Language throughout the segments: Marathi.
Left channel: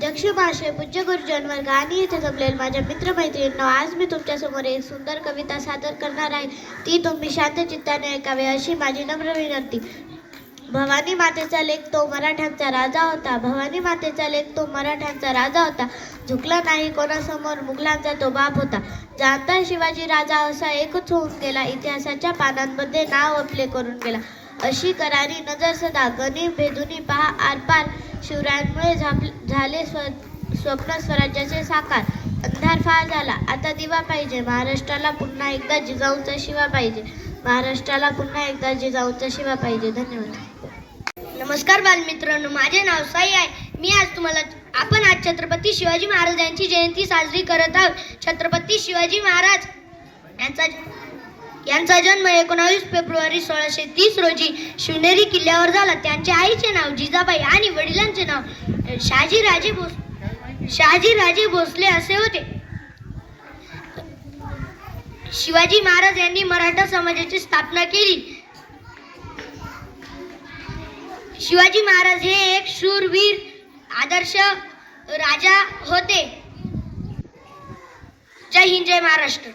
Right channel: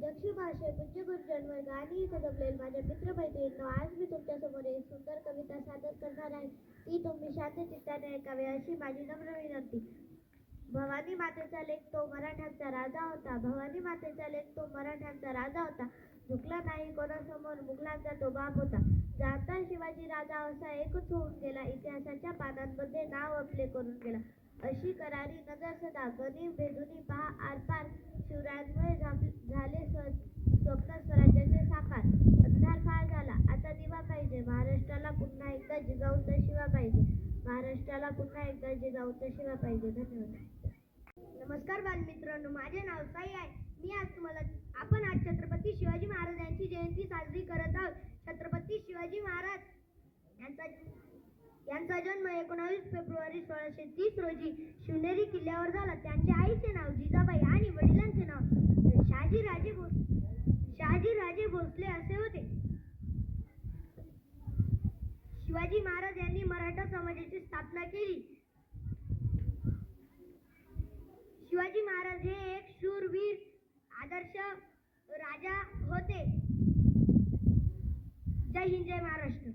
अध्यक्ष महाशय, पूज्य गुरुजन वर्ग आणि येथे जमलेले माझ्या मित्रमैत्रिणींनो, आज मी तुमच्यासमोर एक सुंदर कविता सादर करणार आहे. ती तुम्ही शांत चित्ताने ऐकावी अशी माझी नम्र विनंती. भवानी मातेचा लेक तो मराठ्यांचा राजा होता. भवानी मातेचा लेक तो मराठ्यांचा राजा होता. झुकला नाही कोणासमोर, मुघलांचा तो बाप होता. जाणता शिवाजी राजा असा एकच होऊन गेला. इतिहासाच्या पानांमध्ये नाव आपले करून गेला. अशी करारी नजर सदा, गणी भेदुनी पहा आरपार. शिवरायांमुळे झाले स्वप्न स्वराज्याचे साकार. अंधार फार झाला, आता दिवा पाहिजे. महाराष्ट्राला पुन्हा एकदा जिजाऊचा शिवा पाहिजे. महाराष्ट्राला पुन्हा एकदा जिजाऊचा शिवा पाहिजे. धन्यवाद. नमस्कार बालमित्रांनो, माझे नाव साई आहे. आपण आज छत्रपती शिवाजी महाराज यांची जयंती साजरी करत आहोत. छत्रपती शिवाजी महाराज यांचा जन्म 19 फेब्रुवारी 1630 रोजी शिवनेरी किल्ल्यावर झाला. त्यांच्या आईचे नाव जिजाबाई आणि वडिलांचे नाव शहाजीराजे भोसले असे होते. शिवाजी महाराज यांनी मराठा समाजाची स्थापना केली. शिवाजी महाराज हे एक शूरवीर आदर्श राजा होते. जय हिंद, जय महाराष्ट्र.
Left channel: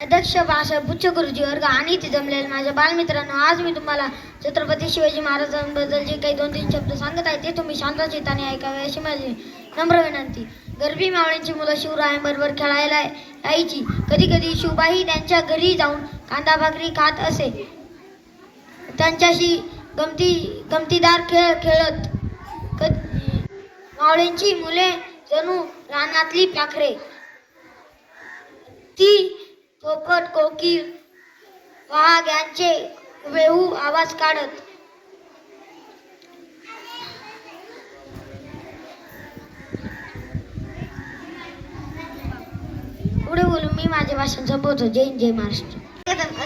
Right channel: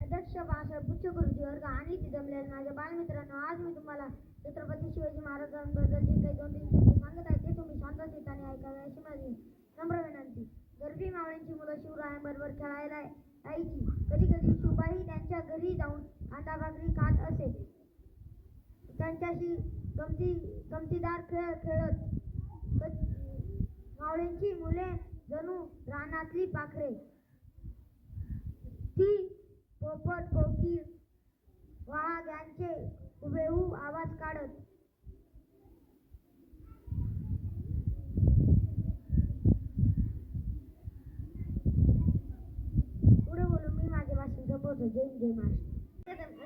अध्यक्ष भाषा, पूज्य गुरुजी वर्ग आणि इथे जमलेले माझ्या बालमित्रांनो, आज मी तुम्हाला छत्रपती शिवाजी महाराजांबद्दल जे काही 2-3 शब्द सांगत आहे ते तुम्ही शांत चित्ताने ऐकावे अशी माझी नम्र विनंती. गरबी मावळ्यांची मुलं शिवरायांबरोबर खेळायला यायची. कधी कधी शिवबाई त्यांच्या घरी जाऊन कांदा भाकरी खात असे. त्यांच्याशी गमतीदार खेळ खेळत. मावळ्यांची मुले जणू रानातली पाखरे. ती पोपट, कोकिळ, वाघ यांचे वेहू आवाज काढत. पुढे बोलून मी माझे भाषण संपवतो. जय हिंद, जय महाराष्ट्र. कदम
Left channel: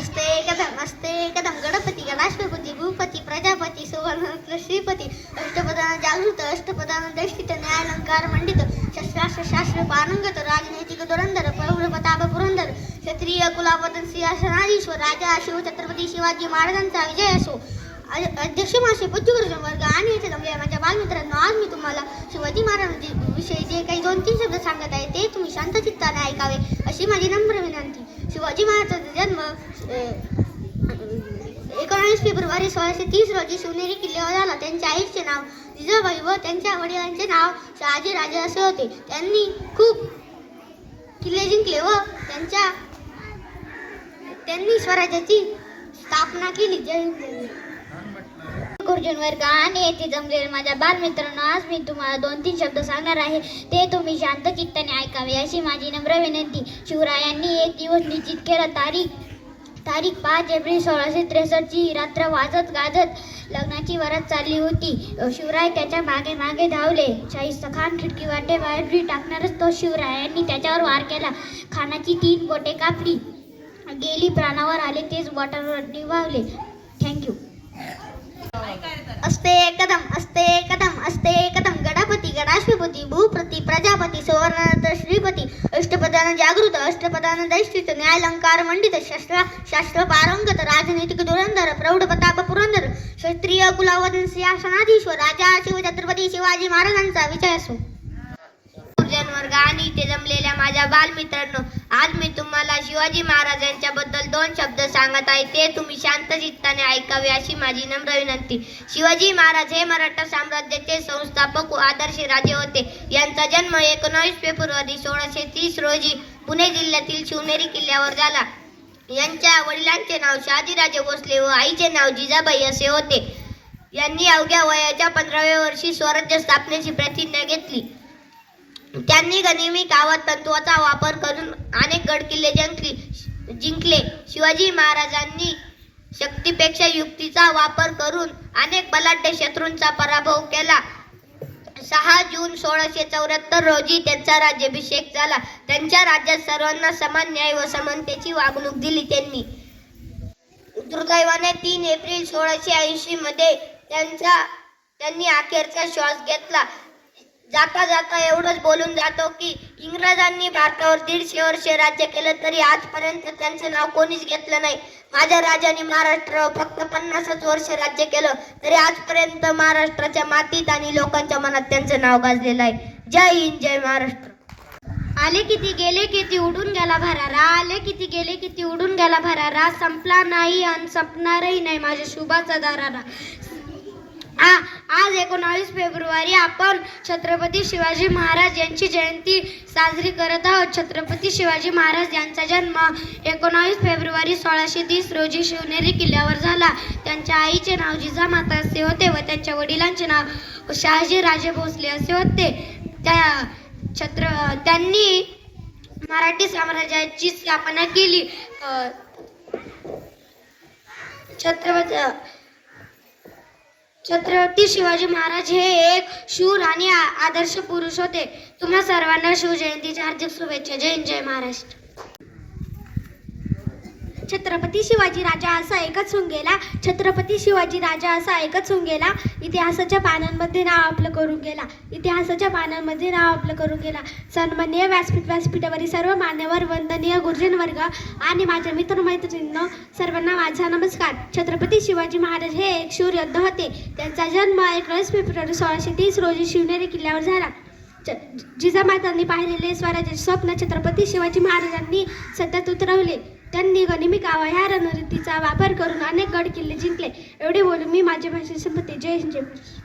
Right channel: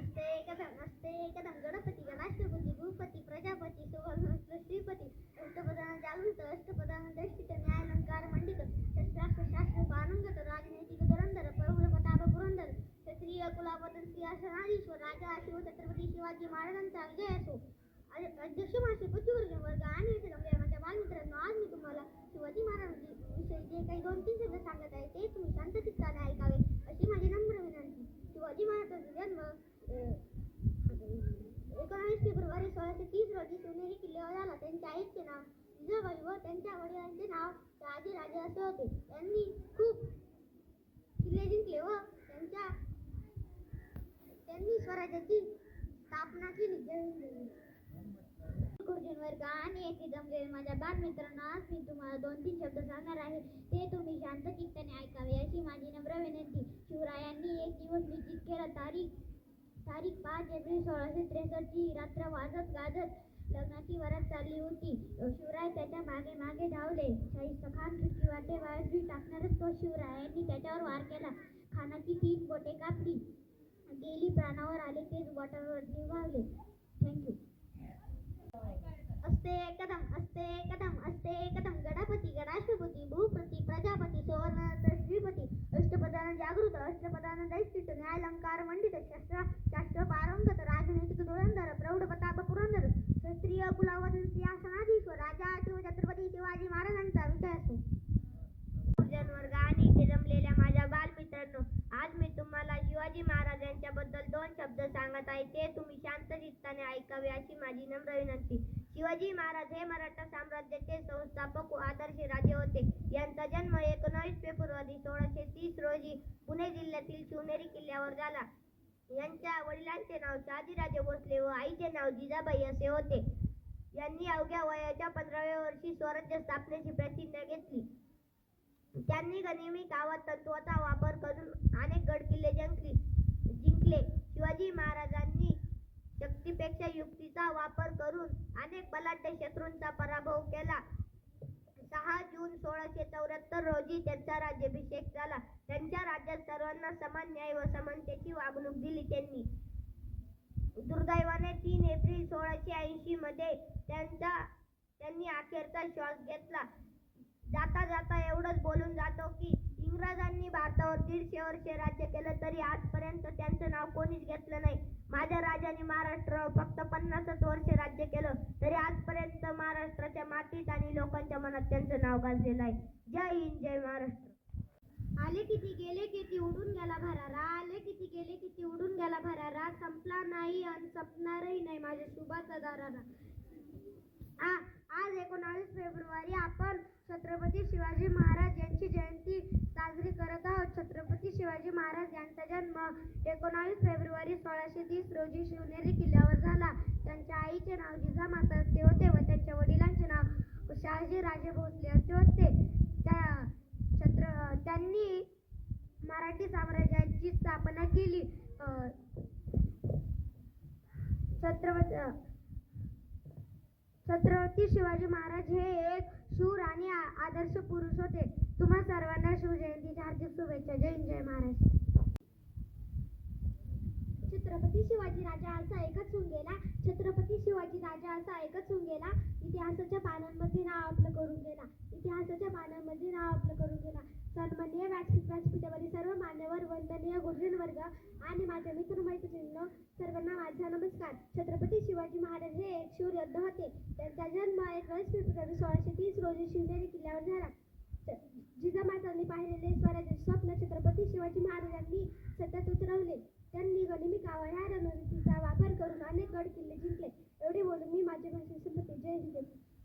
असते कदम गणपती राष्ट्रपती भूपती प्रजापती सुवर्ण श्रीपती अष्टपदान जागृत अष्टपदान दष्टित न्यायालंकार मंडित शस्त्रास्त्र पारंगत राजनैतिक धुरंधर प्रौढ प्रताप पुरंदर क्षत्रिय कुलावतन सिंहासनाधीश्वर राजा शिव छत्रपती शिवाजी महाराजांचा विजय असो. अध्यक्ष महाशय, पूज्य गुरुजन वर्ग आणि येथे जमलेल्या माझ्या बालमित्रांनो, आज मी तुम्हाला शिवाजी महाराजांविषयी जे काही 2-3 शब्द सांगत आहे ते तुम्ही शांत चित्ताने ऐकावे अशी माझी नम्र विनंती. शिवाजी महाराजांचा जन्म 19 फेब्रुवारी 1630 रोजी शिवनेरी किल्ल्यावर झाला. त्यांच्या आईचे नाव जिजाबाई व त्यांच्या वडिलांचे नाव शहाजीराजे असे होते. त्यांनी खूप किल्ले जिंकले व त्यांनी स्वराज्याची स्थापना केली. जय हिंद. गुरुजन वर्ग आणि येथे जमलेले माझ्या बालमित्रांनो, आज मी तुम्हाला 2-3 शब्द सांगणार आहे ते तुम्ही शांत चित्ताने ऐकावे अशी माझी नम्र विनंती. शिवरायांनी एक दिवस निश्चित केला. तारीख 5 एप्रिल 1663 ची रात्र वाजत गाजत लग्नाची वरात चालली होती. शिवराय त्याच्या मागे मागे धावले. शाहिस्तेखान खिडकी वाटे बाहेर टाकणारच तो शिवरायांनी त्याच्यावर वार केला. खानाची 3 बोटे कापली गेली. प्राणावर आले तेच बोटांवर निभावले. थँक्यू. असते कदम गणपती राष्ट्रपती भूपती प्रजापती सुवर्ण श्रीपती अष्टपदान जागृत अष्टपदान दैष्टित न्यायालंकार मंडित शास्त्र पारंगत राजनैतिक धुरंधर प्रौढ प्रताप पुरंदर क्षत्रिय कुलावतन सिंहासनाधीश्वर राजा शिव छत्रपती शिवाजी महाराजांचा विजय असो. वर्ग आणि इथे जमलेल्या माझ्या बालमित्रांनो, आज मी तुम्हाला शिवाजी महाराजांच्या बद्दल 2 शब्द सांगत आहे ते तुम्ही शांत चित्ताने ऐकावे अशी माझी नम्र विनंती. शिवाजी महाराज हे मराठा साम्राज्याचे संस्थापक व आदर्श राजे होते. यांचा जन्म 19 फेब्रुवारी 1630 रोजी पुणे जिल्ह्यातील शिवनेरी किल्ल्यावर झाला. यांच्या वडिलांचे नाव शहाजीराजे भोसले व आईचे नाव जिजाबाई असे होते. यांनी अवघ्या वयाच्या 15व्या वर्षी स्वराज्य स्थापनेची प्रतिज्ञा घेतली. त्यांनी गनिमी कावत तंत्राचा वापर करून अनेक गडकिल्ले जिंकले. शिवाजी महाराजांनी शक्तीपेक्षा युक्तीचा वापर करून अनेक बलाढ्य शत्रूंचा पराभव केला. 6 जून 1674 रोजी त्यांचा राज्याभिषेक झाला. त्यांच्या राज्यात सर्वांना समान न्याय व समानतेची वागणूक दिली. दुर्दैवाने 3 एप्रिल 1680 मध्ये त्यांनी अखेरचा श्वास घेतला. जाता जाता एवढंच बोलून जातो की इंग्रजांनी भारतावर 150 वर्षे राज्य केलं तरी आजपर्यंत त्यांचं नाव कोणीच घेतलं नाही. माझ्या राजाने महाराष्ट्र फक्त 50च वर्ष राज्य केलं, तरी आजपर्यंत महाराष्ट्राच्या मातीत आणि लोकांच्या मनात त्यांचं नाव गाजलेलं आहे. जय हिंद, जय महाराष्ट्र. आले किती गेले किती उडून गेला भरारा, आले किती गेले किती उडून गेला भरारा, संपला नाही आणि संपणारही नाही माझ्या शुभाचा दरारा. आज 19 फेब्रुवारी आपण छत्रपती शिवाजी महाराज यांची जयंती साजरी करत आहोत. छत्रपती शिवाजी महाराज यांचा जन्म 19 फेब्रुवारी 1630 रोजी शिवनेरी किल्ल्यावर झाला. त्यांच्या आईचे नाव जिजामाता असे होते व त्यांच्या वडिलांचे नाव शहाजी राजे भोसले असे होते. त्यांनी मराठी साम्राज्याची स्थापना केली. छत्रपती शिवाजी महाराज हे एक शूर आणि आदर्श पुरुष होते. तुम्हा सर्वांना शिवजयंतीच्या हार्दिक शुभेच्छा. जय हिंद, जय महाराष्ट्र. छत्रपती शिवाजी राजा असा एकच होऊन गेला. छत्रपती शिवाजी राजा असा एकच होऊन गेला. इतिहासाच्या पानांमध्ये नाव आपलं करून गेला. इतिहासाच्या पानांमध्ये नाव आपलं करून गेला. सन्माननीय व्यासपीठावरील सर्व मान्यवर, वंदनीय गुरुजन वर्ग आणि माझ्या मित्रमैत्रिणींनो, सर्वांना माझा नमस्कार. छत्रपती शिवाजी महाराज हे एक शूर योद्धा होते. त्यांचा जन्म 19 फेब्रुवारी 1630 रोजी शिवनेरी किल्ल्यावर झाला. जिजामातांनी पाहिलेले स्वराज्याचे स्वप्न छत्रपती शिवाजी महाराजांनी सतत उतरवले. त्यांनी गनिमी कावा ह्या रणनीतीचा वापर करून अनेक गड किल्ले जिंकले. एवढे बोलून मी माझ्या भाषेत संपते. जय हिंद, जय महाराष्ट्र.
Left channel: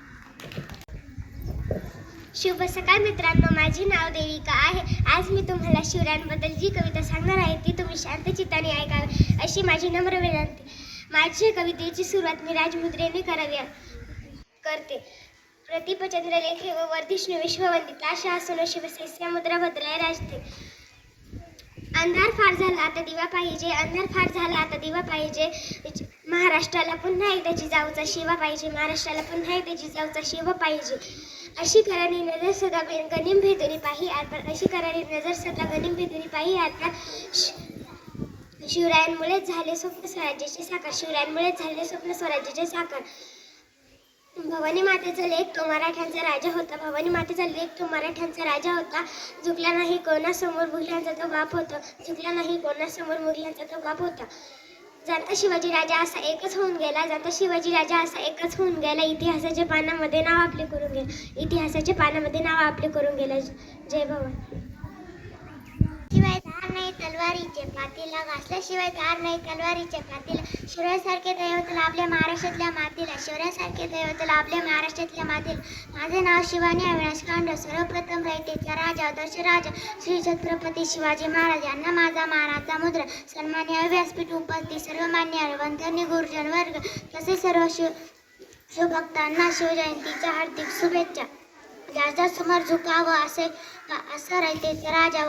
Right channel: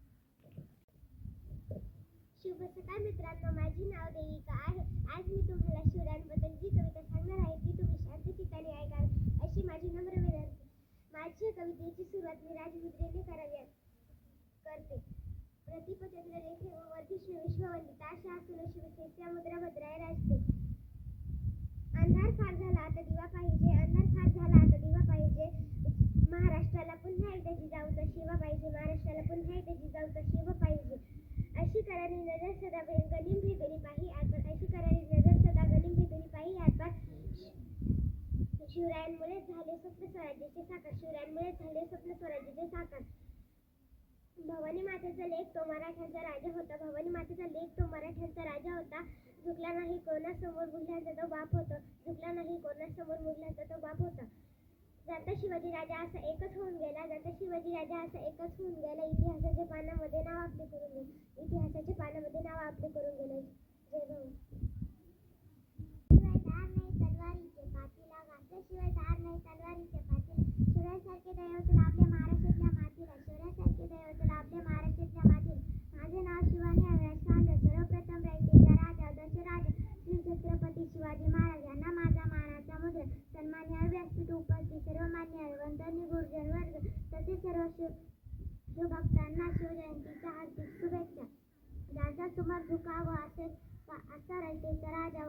शुभ सकाळ मित्रांनो, माझे नाव देविका आहे. आज मी तुम्हाला शिवरायांबद्दल जी कविता सांगणार आहे ती तुम्ही शांत चित्ताने ऐकावी अशी माझी नम्र विनंती. माझ्या कवितेची सुरुवात मी राजमुद्रेने करते. प्रतिपचंद्र लेखे व वर्धिष्णू विश्ववंदित आशा असनो शिवसैस्या मुद्रा भद्राय राजते. अंधार फार झाला आता दिवा पाहिजे, अंधार फार झाला आता दिवा पाहिजे. महाराष्ट्राला पुन्हा एकदा जिजाऊचा शिवा पाहिजे, महाराष्ट्राला पुन्हा एकदा जिजाऊचा शिवा पाहिजे. अशी करारी नजर सदा गनिम भेदुनी पाही आरपार, अशी करारी नजर सदा गनिम भेदुनी पाही आरपार. शिवरायांमुळेच झाले स्वप्न स्वराज्याचे साकार, शिवरायांमुळेच झाले स्वप्न स्वराज्याचे साकार. भवानी मातेचा लेक तो मराठ्यांचा राजा होता, भवानी मातेचा लेक तो मराठ्यांचा राजा होता. झुकला नाही कोणासमोर मुघलांचा तो बाप होता, झुकला नाही कोणासमोर मुघलांचा तो बाप होता. जाणता शिवाजी राजा असा एकच होऊन गेला, जाणता शिवाजी राजा असा एकच होऊन गेला. इतिहासाच्या पानामध्ये नाव आपले करून गेला, इतिहासाच्या पानामध्ये नाव आपले करून गेला. जय भवानी. शिवाय धार नाही तलवारीचे पातीला, घासल्याशिवाय धार नाही तलवारीचे पातीला. शिवरायासारखे दैवत लाभले महाराष्ट्रातल्या मातीला, शिवरायासारखे दैवत लाभले महाराष्ट्रातल्या मातीला. माझे नाव शिवानी अविनाश कांड, सर्वप्रथम रयतेचा राजा दशराजा श्री छत्रपती शिवाजी महाराज यांना माझा मानाचा मुद्रा. सन्माननीय व्यासपीठ उपस्थित सर्व मान्य वंदनीय गुरुजन वर्ग तसेच सर्व शिवभक्तांना शिवजयंतीच्या हार्दिक शुभेच्छा. ज्याच्या समोर झुकावं असं रयतेचा राजा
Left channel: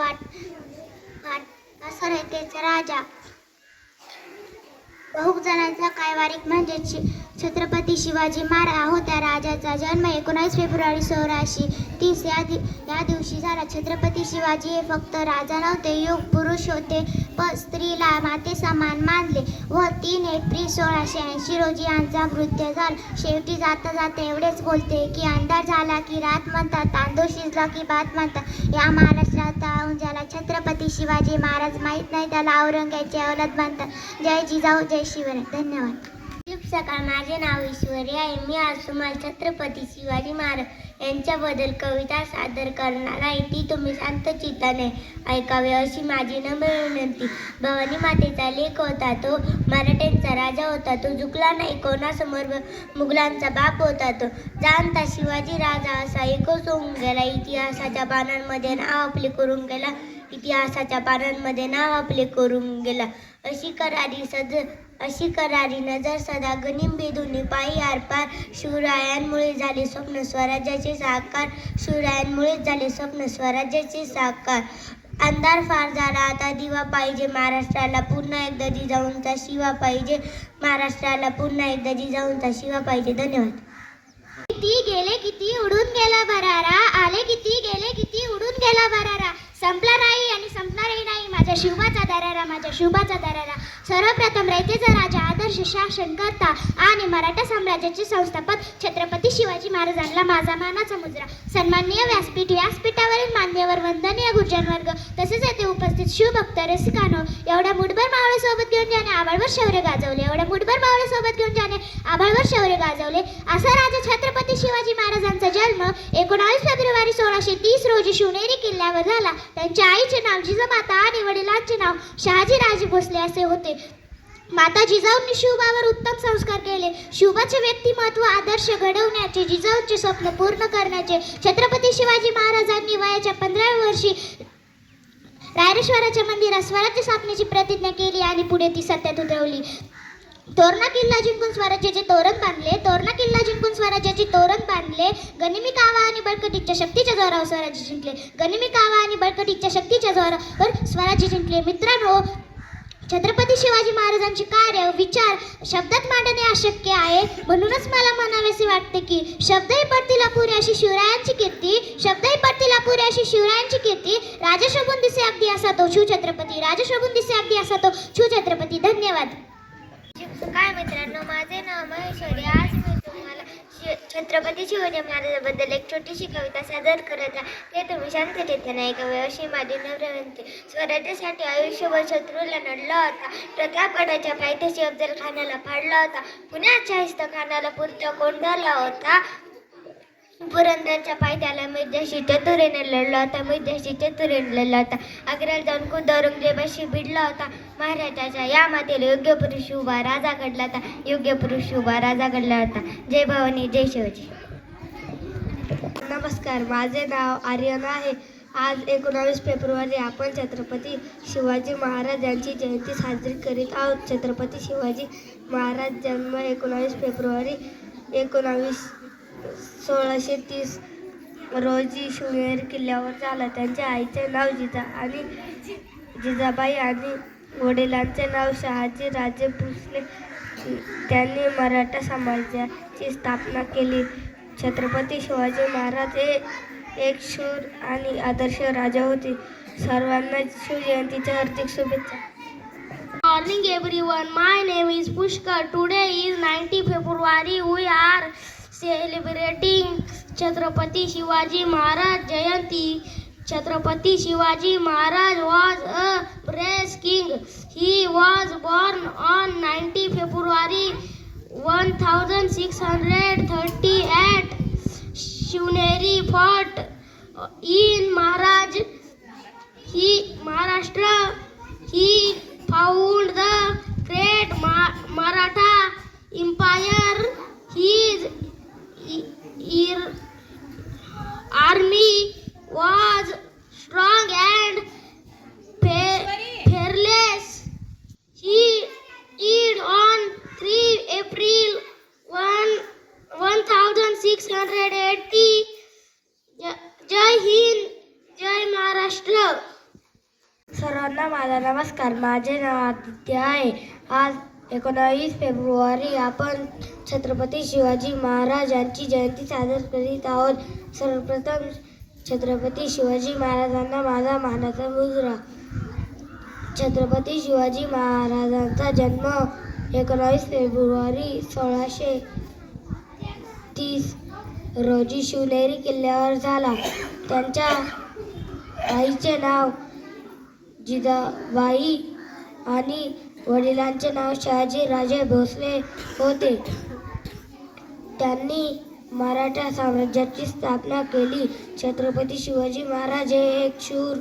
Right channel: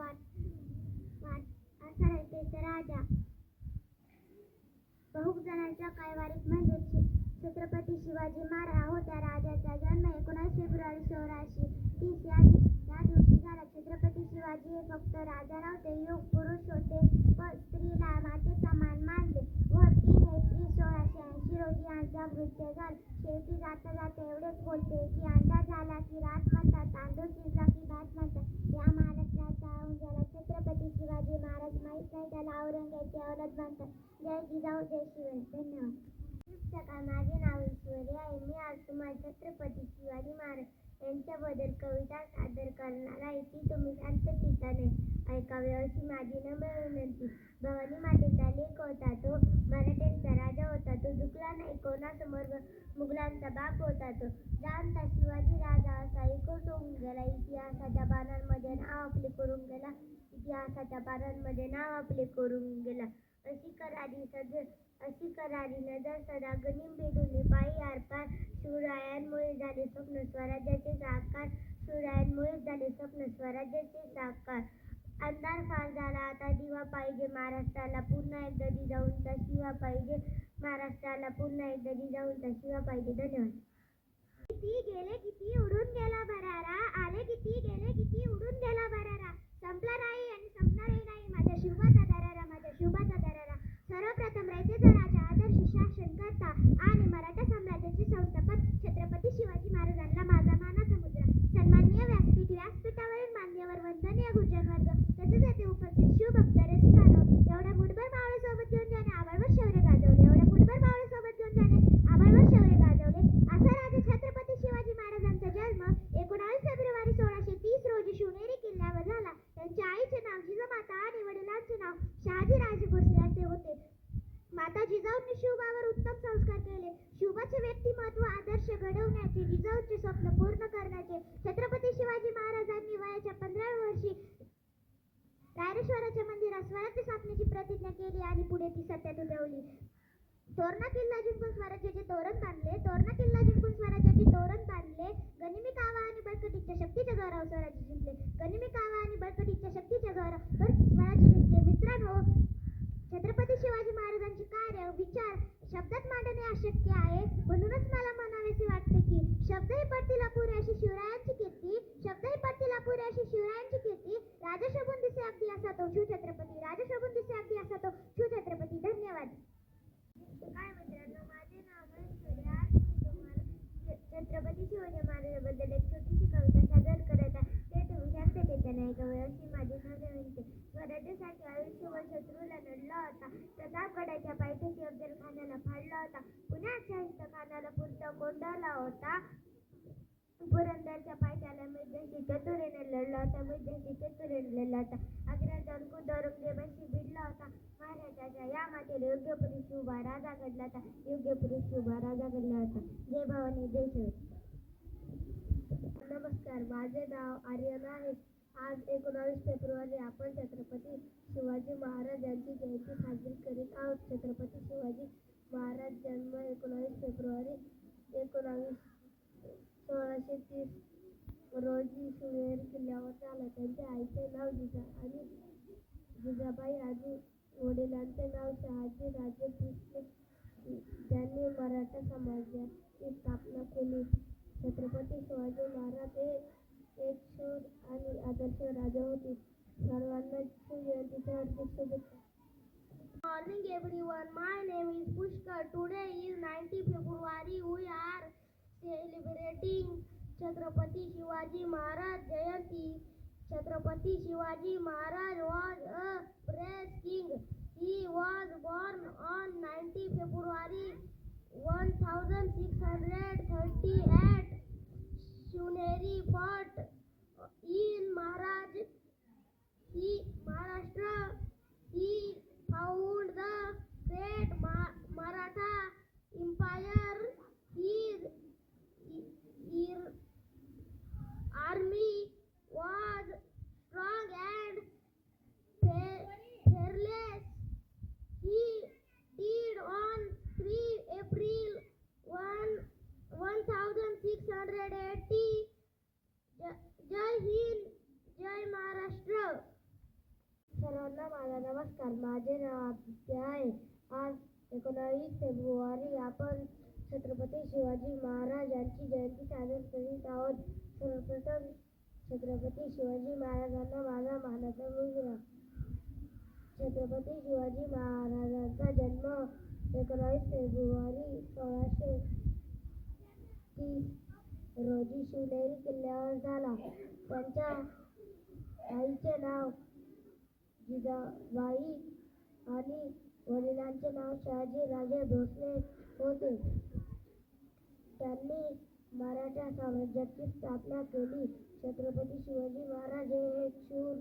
असं रयतेचा राजा बहु जणांचा कैवारिक म्हणजे छत्रपती शिवाजी महाराज होत्या. राजाचा जन्म 19 फेब्रुवारी 1630 या दिवशी झाला. छत्रपती शिवाजी हे फक्त राजा नव्हते, युग पुरुष होते, पण स्त्रीला माते समान मानले व 3 एप्रिल 1680 रोजी यांचा मृत्यू झाला. शेवटी जाता जाता एवढेच बोलते की अंधार झाला की रात म्हणतात, तांदूळ शिजला की भात म्हणतात. या महाराष्ट्रात ज्याला छत्रपती शिवाजी महाराज माहीत नाही त्याला औरंगाची अवलाद म्हणतात. जय जिजाऊ, जय शिवराय. धन्यवाद. शुभ सकाळ. माझे नाव ईश्वरी आहे. मी आज तुम्हाला छत्रपती शिवाजी महाराज यांच्याबद्दल कविता सादर करणार आहे. ती तुम्ही शांत चित्ताने ऐकावी अशी माझी नम्र विनंती. भवानी मातेचा लेक होता तो मराठ्यांचा राजा होता, तो झुकला नाही कोणासमोर मुघलांचा बाप होता. तो जाणता शिवाजी राजा असा एकच होऊन गेला. इतिहासाच्या पानांमध्ये नाव आपले करून गेला, इतिहासाच्या पानांमध्ये नाव आपले करून गेला. अशी करारी नजर सदा गनिम भेदुनी पाही आरपार. शिवरायांमुळे झाले स्वप्न स्वराज्याचे साकार, शिवरायांमुळेच झाले स्वप्न स्वराज्याचे साकार. अंधार फार झाला आता दिवा पाहिजे, महाराष्ट्राला पुन्हा एकदा जिजाऊंचा शिवा पाहिजे, महाराष्ट्राला पुन्हा एकदा जिजाऊंचा शिवा पाहिजे. धन्यवाद. किती गेले किती उडून गेला भरारा, आले किती गेले किती उडून गेला भरारा. संपला नाही आणि संपणारही नाही माझ्या शिवबाचा दरारा, माझ्या शिवबाचा दरारा. सर्वप्रथम रयतेचा राजा, आदर्श शासनकर्ता आणि मराठा साम्राज्याचे संस्थापक छत्रपती शिवाजी महाराजांना माझा मानाचा मुद्रा. सन्माननीय व्यासपीठावरील मान्यवर, वंदनीय गुरुजन वर्ग तसेच येथे उपस्थित शिवभक्त रसिकांनो, एवढ्या मुठभर मावळ्यासोबत घेऊन ज्याने आवड आभाळभर शौर्य गाजवले. एवढ्या मुठभर मावळे सोबत घेऊन ज्याने आभाळभर शौर्य गाजवले असा राजा छत्रपती शिवाजी महाराजांचा जन्म 19 फेब्रुवारी 1630 रोजी शिवनेरी किल्ल्यावर झाला. त्यांच्या आईचे नाव जिजामाता आणि वडिलांचे नाव शहाजी राजे भोसले असे होते. माता जिजाऊंनी शिवबावर उत्तम संस्कार केले. शिवबाचे व्यक्तिमत्व आदर्श घडवण्याचे, जिजाऊंचे स्वप्न पूर्ण करण्याचे छत्रपती शिवाजी महाराजांनी वयाच्या 15व्या वर्षी रायरेश्वराच्या मंदिरात स्वराज्य स्थापनेची प्रतिज्ञा केली आणि पुढे ती सत्यात उतरवली. तोरणा किल्ला जिंकून स्वराज्याचे तोरण बांधले. तोरणा किल्ला जिंकून स्वराज्याचे तोरण बांधले. गनिमी कावा आणि बळकटीच्या शक्तीच्या जोरावर स्वराज्य जिंकले. गनिमी कावा आणि बळकटीच्या शक्तीच्या जोरावर स्वराज्य जिंकले. मित्रांनो, छत्रपती शिवाजी महाराजांचे कार्य विचार शब्दात मांडणे अशक्य आहे. म्हणूनच मला म्हणावेसे वाटते की शब्दही पडतील अपुरी अशी शिवरायांची कीर्ती, शब्दही पडतील अपुरी अशी शिवरायांची कीर्ती. राजा शोभून दिसे अगदी असा तो शिवछत्रपती, राजा शोभून दिसे अगदी असा तो शिवछत्रपती. धन्यवाद. काय मित्रांनो, माझे नाव महेश्वरी. आज मी तुम्हाला छत्रपती शिवाजी महाराजांबद्दल एक छोटीशी कविता सादर करत आहे. ते तुम्ही शांततेने ऐकावे अशी माझी नम्र विनंती. स्वराज्यासाठी आयुष्यभर शत्रूला लढला होता. प्रतापगडाच्या पायथ्याशी अफजल खानाला फाडला होता. पुण्यात शाहिस्तेखानाला पुरता कोंडारला होता. पुरंदरच्या पायथ्याला मिर्जाशी चतुरीने लढला होता. मिर्जाशी चतुरीने लढला होता. आग्र्याला जाऊन खुद्द औरंगजेबाशी भिडला होता. महाराजाच्या या मातेला योग्य पुरुष उभा राजा घडला होता. योग्य पुरुष उभा राजा घडला होता. जय भवानी, जय शिवाजी. नमस्कार, माझे नाव आर्यन आहे. आज 19 फेब्रुवारी आपण छत्रपती शिवाजी महाराज यांची जयंती साजरी करीत आहोत. छत्रपती शिवाजी महाराज जन्म 19 फेब्रुवारी 1630 रोजी शिवनेरी किल्ल्यावर झाला. त्यांच्या आईचे नाव जिजाबाई आणि वडिलांचे नाव शहाजी राजे भोसले. त्यांनी मराठा समाजाची स्थापना केली. छत्रपती शिवाजी महाराज हे एक शूर आणि आदर्श राजा होते. सर्वांना शिवजयंतीच्या हार्दिक शुभेच्छा. Morning everyone, my name is Pushkar. Today is 19 February. We are celebrating Chhatrapati Shivaji Maharaj Jayanti. Chhatrapati Shivaji Maharaj was a brave king. He was born on 19 February 1638. Shivneri fort in Maharashtra. He found the great Maratha Empire. His army was strong and fearless. He died on 3 April 1680. जय हिंद, जय महाराष्ट्र. सर्वांना माझा नमस्कार. माझे नाव आदित्य आहे. आज 19 फेब्रुवारी आपण छत्रपती शिवाजी महाराज यांची जयंती साजरी करीत आहोत. सर्वप्रथम छत्रपती शिवाजी महाराजांना माझा मानाचा मुजरा. छत्रपती शिवाजी महाराजांचा जन्म 19 फेब्रुवारी 1630 रोजी शिवनेरी किल्ल्यावर झाला. त्यांच्या आईचे नाव जिजाबाई आणि वडिलांचे नाव शहाजी राजे भोसले होते. त्यांनी मराठा साम्राज्याची स्थापना केली. छत्रपती शिवाजी महाराज हे एक शूर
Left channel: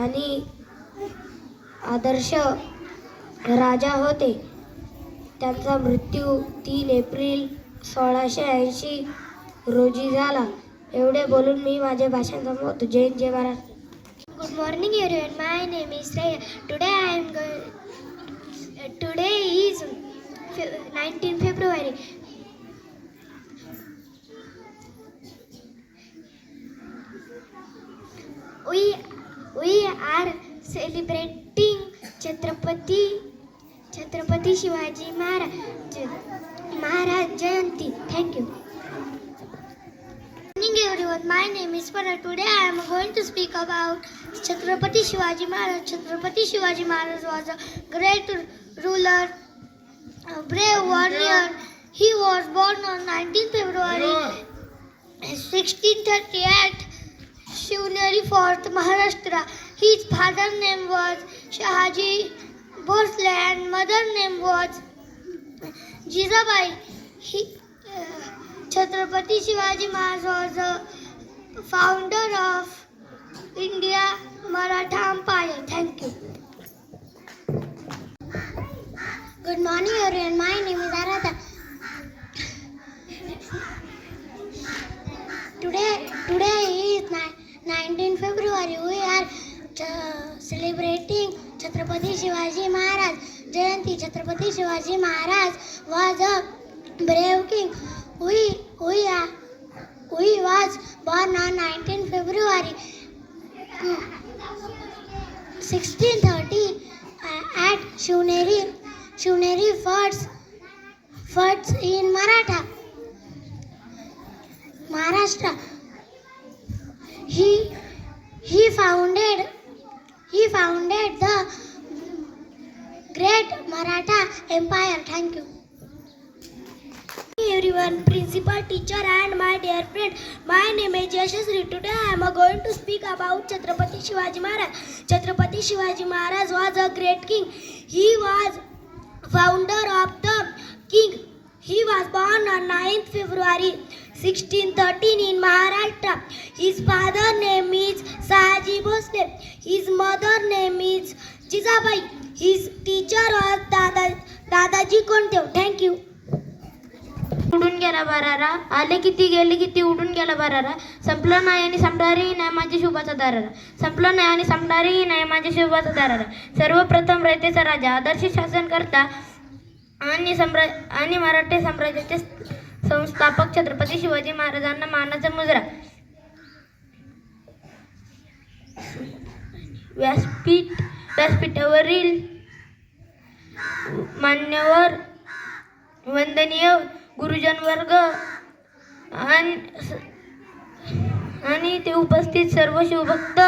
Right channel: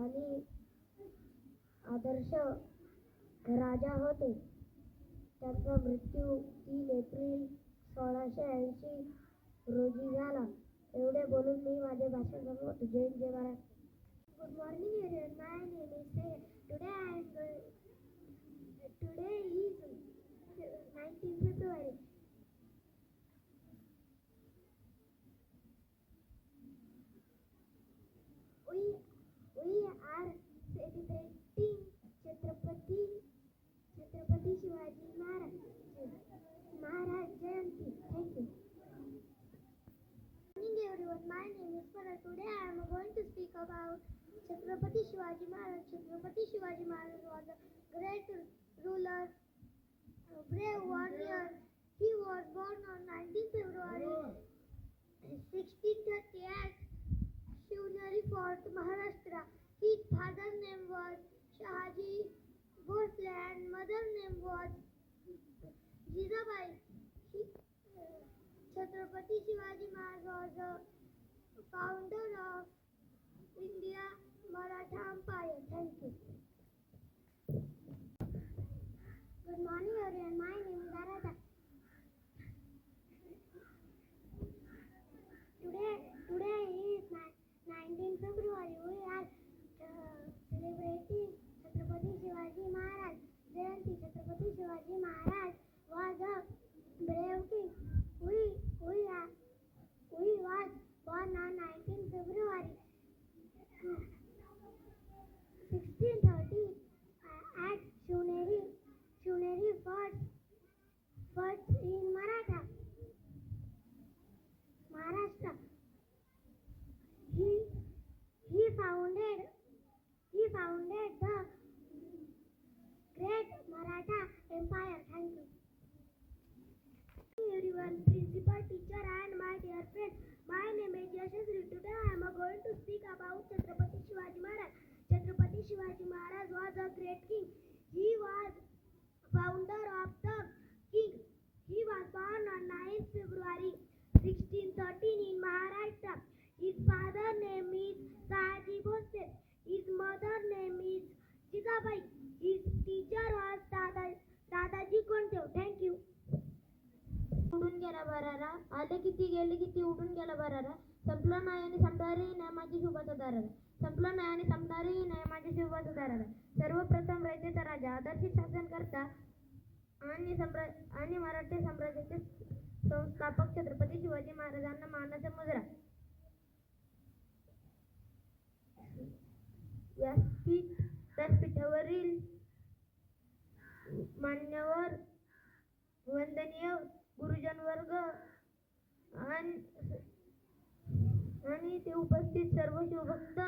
आणि आदर्श राजा होते. त्यांचा मृत्यू 3 एप्रिल 1680 रोजी झाला. एवढे बोलून मी माझे भाषण संपवतो. जय हिंद, जय Maharashtra. Good morning everyone. My name is Raya. Today is 19 February. We are celebrating Chhatrapati Shivaji Maharaj Jayanti. Thank you. Good morning everyone. My name is Farah. Today I am going to speak about Chhatrapati Shivaji Maharaj. Chhatrapati Shivaji Maharaj was a great ruler, a brave warrior. He was born on 19 February 1638, Shivneri Fort, Maharashtra. His father's name was Shahaji Bhosle and mother name was Jizabai. Chhatrapati Shivaji Maharaj was the founder of India Maratha Empire. Thank you. Good morning everyone. My name is Aradha. Today is 19 February. We are celebrating Chhatrapati Shivaji Maharaj Jayanti. Chhatrapati Shivaji Maharaj was a brave king. He was born on 19 February 1630 at Shivneri forts in Maharashtra. He founded the great Maratha Empire. Thank you. Everyone, principal, teacher and my dear friend, my name is Yashasri. Today I am going to speak about Chhatrapati Shivaji Maharaj. Chhatrapati Shivaji Maharaj was a great king. He was founder of the king. He was born on 9th February 1613 in Maharashtra. His father name is Sahaji Bhosle. His mother name is Jizabai. His teacher was Dadaji Kontev. Thank you. उडून गेला बरारा, आले किती गेले किती, उडून गेला बरारा. संपलं नाही आणि संपणारही नाही माझ्या शुभाचा दारारा. संपलं नाही आणि संपणारही नाही माझ्या शुभाचा दारारा. सर्वप्रथम रयतेचा राजा, आदर्श शासनकर्ता आणि मराठी साम्राज्याचे संस्थापक छत्रपती शिवाजी महाराजांना मानाचा मुजरा. व्यासपीठावरील मान्यवर, वंदनीय गुरुजन वर्ग आणि ते उपस्थित सर्व शिवभक्त,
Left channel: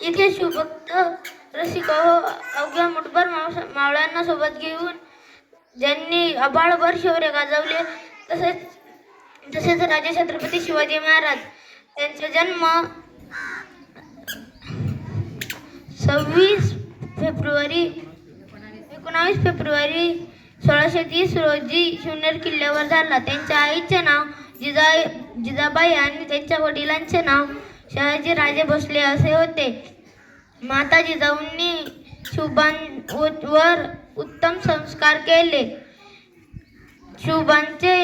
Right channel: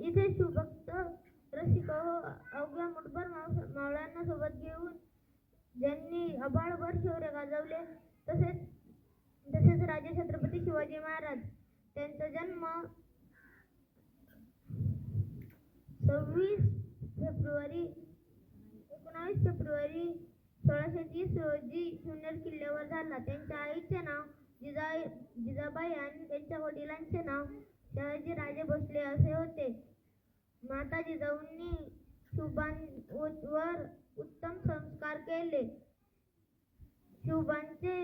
इथे शिवभक्त रसिक अवघ्या मुठभर मावळ्यांना सोबत घेऊन ज्यांनी अबाळभर शौर्य गाजवले, तसेच राजे छत्रपती शिवाजी महाराज. त्यांचा जन्म 19 फेब्रुवारी 1630 रोजी शिवनेरी किल्ल्यावर झाला. त्यांच्या आईचे नाव जिजाबाई आणि त्यांच्या वडिलांचे नाव शहाजी राजे भोसले असे होते. माता जिजाऊंनी शुभांवर उत्तम संस्कार केले. शुभांचे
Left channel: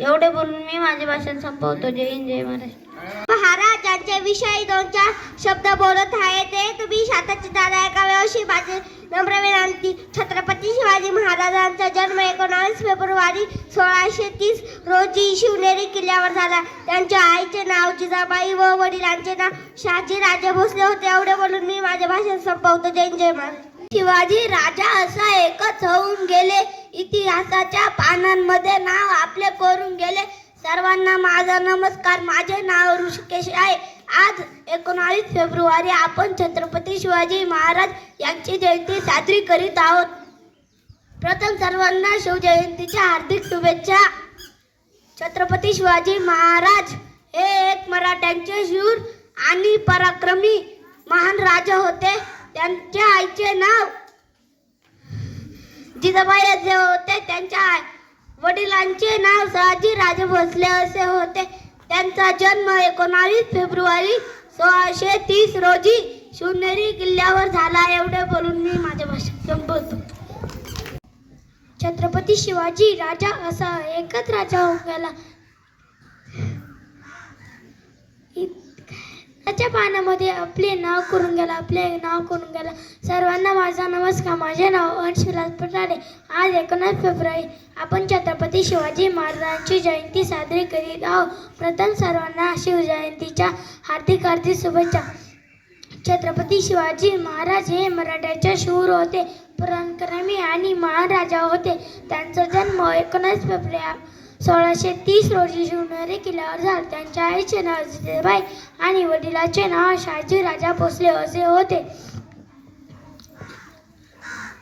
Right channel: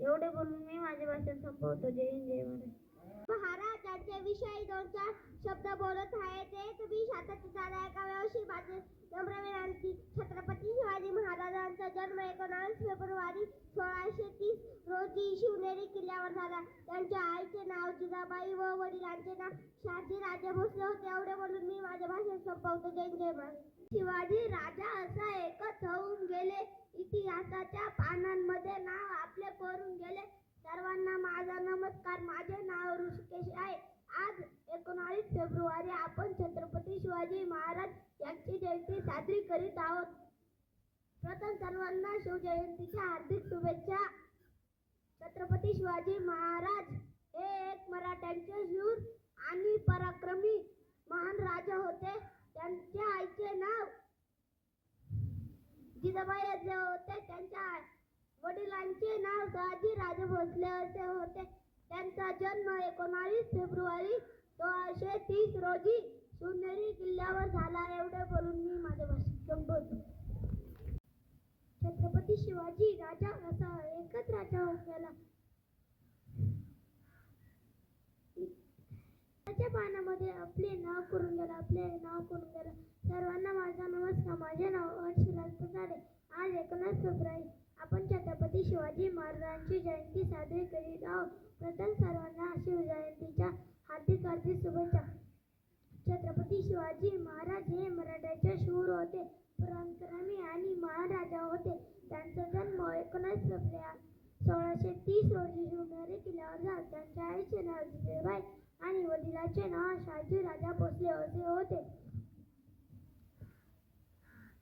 एवढे बोलून मी माझे भाषण संपवतो. जय हिंद, जय महाराष्ट्र. महाराजांच्या विषयी 2-4 शब्द बोलत आहे ते तुम्ही शांतचित्ताने ऐकावे अशी माझी नम्र विनंती. छत्रपती शिवाजी महाराजांचा जन्म 19 फेब्रुवारी 1630 रोजी शिवनेरी किल्ल्यावर झाला. त्यांच्या आईचे नाव जिजाबाई व वडिलांचे नाव शहाजी राजे भोसले होते. एवढे बोलून मी माझे भाषण संपवतो. जय हिंद, जय महाराष्ट्र. शिवाजी राजा असा एकच होऊन गेले, इतिहासाच्या पानांमध्ये नाव आपले कोरून गेले. सर्वांना माझा नमस्कार. माझे नाव ऋषिकेश आहे. आज 19 फेब्रुवारी आपण छत्रपती शिवाजी महाराज यांची जयंती साजरी करीत आहोत. प्रथम सर्वांना शिवजयंतीच्या हार्दिक शुभेच्छा. छत्रपती शिवाजी महाराज हे एक मराठ्यांचे शूर आणि पराक्रमी महान राजा होते. त्यांच्या आईचे नाव जिजाबाई असे होते. त्यांच्या वडिलांचे नाव शहाजी राजे भोसले असे होते. त्यांचा जन्म 19 फेब्रुवारी 1630 रोजी शिवनेरी किल्ल्यावर झाला. एवढे बोलून मी माझे भाषण संपवतो. छत्रपती शिवाजी राजा असा एकच राजा होऊन गेला, त्याच्या पानामध्ये आपले नाव करून गेला. सर्वांना माझा नमस्कार. माझे नाव अंशविलास पटारे. आज 19 फेब्रुवारी आपण छत्रपती शिवाजी महाराजांची जयंती साजरी करीत आहोत. प्रथम सर्वांना शिवजयंतीच्या हार्दिक शुभेच्छा. छत्रपती शिवाजी महाराज हे मराठ्याचे शूर होते, पराक्रमी आणि महान राजा होते. त्यांचा जन्म 19 1630 रोजी शिवनेरी किल्ल्यावर झाला. त्यांच्या आईचे नाव जिजाबाई आणि वडिलांचे नाव शहाजीराजा भोसले असे होते.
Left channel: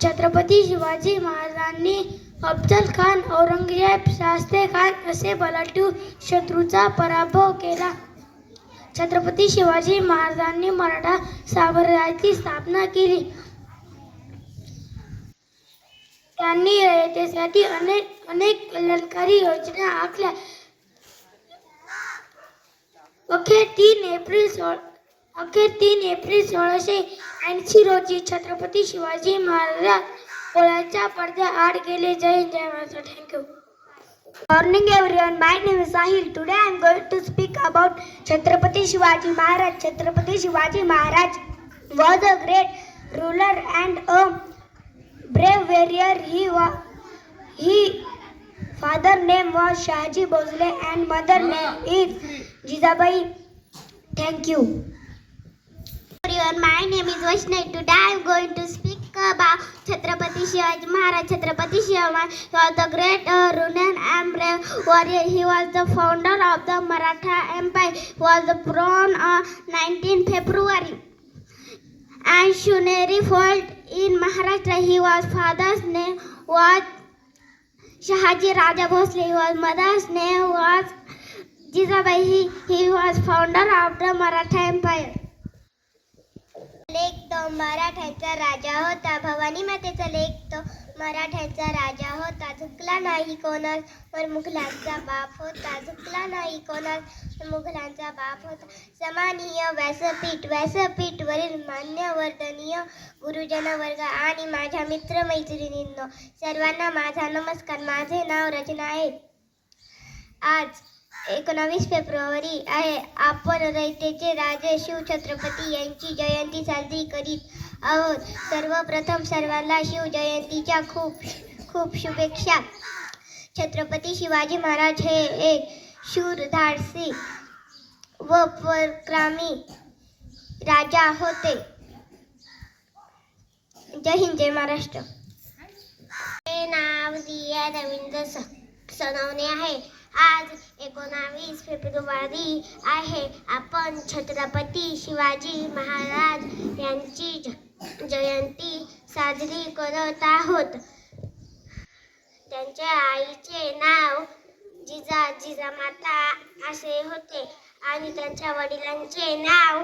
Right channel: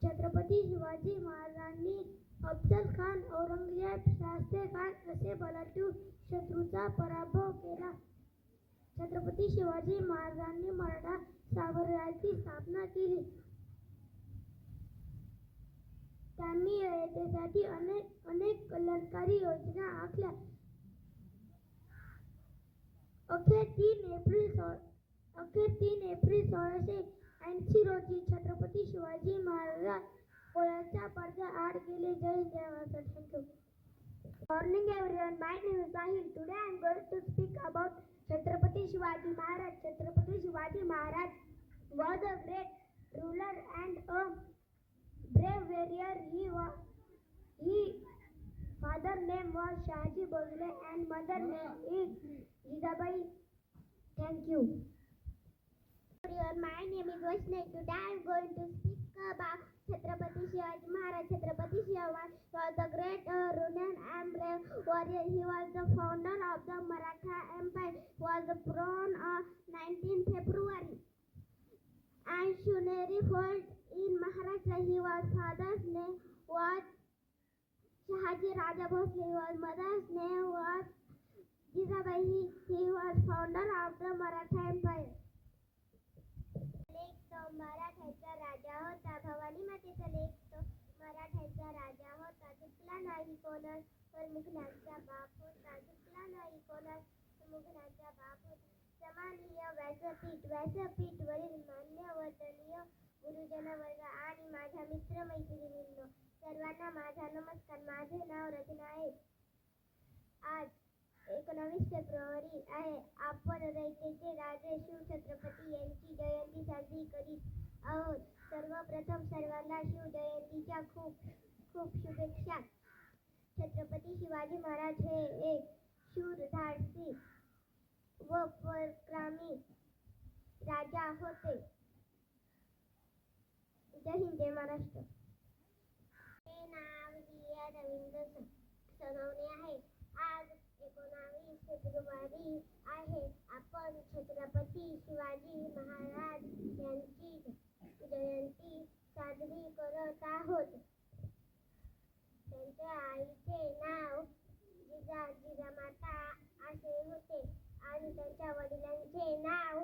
छत्रपती शिवाजी महाराजांनी अफजल खान, औरंगजेब, शास्त्री खान असे बलाढ्य शत्रूचा पराभव केला. छत्रपती शिवाजी महाराजांनी मराठा साम्राज्याची स्थापना केली. त्यांनी रयतेसाठी अनेक कल्याणकारी योजना आखल्या. अखेर 3 एप्रिल 1680 रोजी छत्रपती शिवाजी महाराज पोळ्याच्या पडद्याआड गेले. जय हिंद, जय Maharashtra. Thank you. Morning everyone, my name is Sahil. Today I am going to speak about Chhatrapati Shivaji Maharaj. Chhatrapati Shivaji Maharaj was a great ruler and a brave warrior. His father name was Shahaji Bhosle and mother name is Jijabai. Thank you. Everyone, my name is Vaishnavi. Today I am going to speak about Chhatrapati Shivaji Maharaj. Chhatrapati Shivaji Maharaj was the great ruler and brave warrior. He was the founder of the Maratha Empire. He was born on 19 February and Shuneri fort in Maharashtra. His father's name was Shahaji Raja Bhosle. His mother's name was Jijabai. He was founder of the Maratha Empire. लेख तो मराठ्यांचा राजा होता. भवानी मातेचा लेख तो मराठ्यांचा राजा होता. झुकला नाही कोणावर मुघलांचा बाप होता. झुकला नाही कोणावर मुघलांचा बाप होता. सन्माननीय व्यासपीठवरील मान्यवर्धनीय गुरुजन वर्ग आणि माझ्या मित्रमैत्रिणींनो, सर्वांना माझा नमस्कार. माझे नाव रचना आहे. आज 19 फेब्रुवारी आहे. आपण रयतेचे राजे शिवछत्रपती यांची जयंती साजरी करीत आहोत. सर्वप्रथम सर्वांना शिवजयंतीच्या खूप शुभेच्छा. छत्रपती शिवाजी महाराज हे एक शूर, धाडसी व पराक्रमी राजा होते. जय हिंद, जय महाराष्ट्र. हे नाव दिया रवींद्र सनवणे आहे. आज 19 फेब्रुवारी आहे. आपण छत्रपती शिवाजी महाराज यांची जयंती साजरी करत आहोत. त्यांच्या आईचे नाव जिजामाता असे होते आणि त्यांच्या वडिलांचे नाव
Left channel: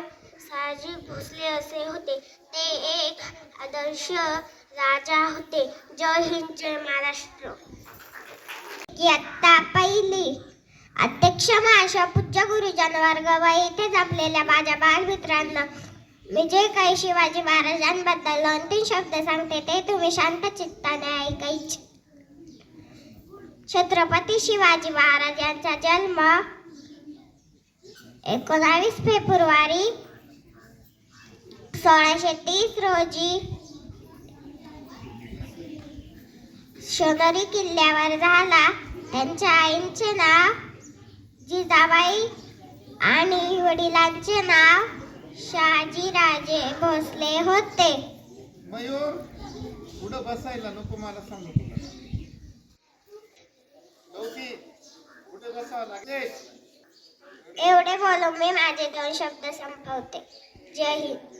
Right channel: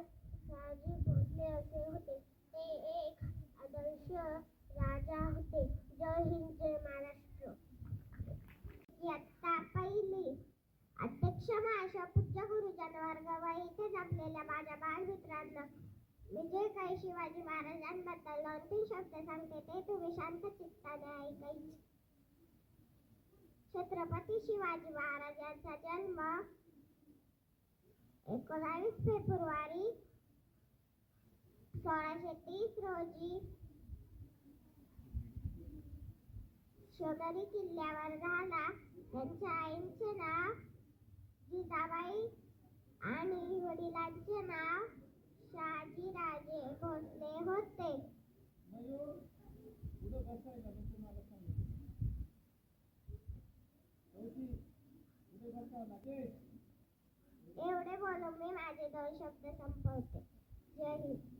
शहाजी भोसले असे होते. ते एक आदर्श राजा होते. जय हिंद, जय महाराष्ट्र. इयत्ता पहिली. अध्यक्ष महाशय, पूज्य गुरुजन वर्ग व इथेच आपल्याला माझ्या बालमित्रांना मी जे काही शिवाजी महाराजांबद्दल 2-3 शब्द सांगते ते तुम्ही शांत चित्ताने ऐकायचे. छत्रपती शिवाजी महाराज यांचा जन्म 19 फेब्रुवारी 1630 रोजी शिवनेरी किल्ल्यावर झाला. त्यांच्या आईचे नाव जिजाबाई आणि वडिलांचे नाव शहाजीराजे भोसले होते. मयूर पुढं बसायला नको, मला सांगू तुला पुढे बसावं लागेल. एवढे बोलून मी माझे 2 शब्द संपवते. जय हिंद.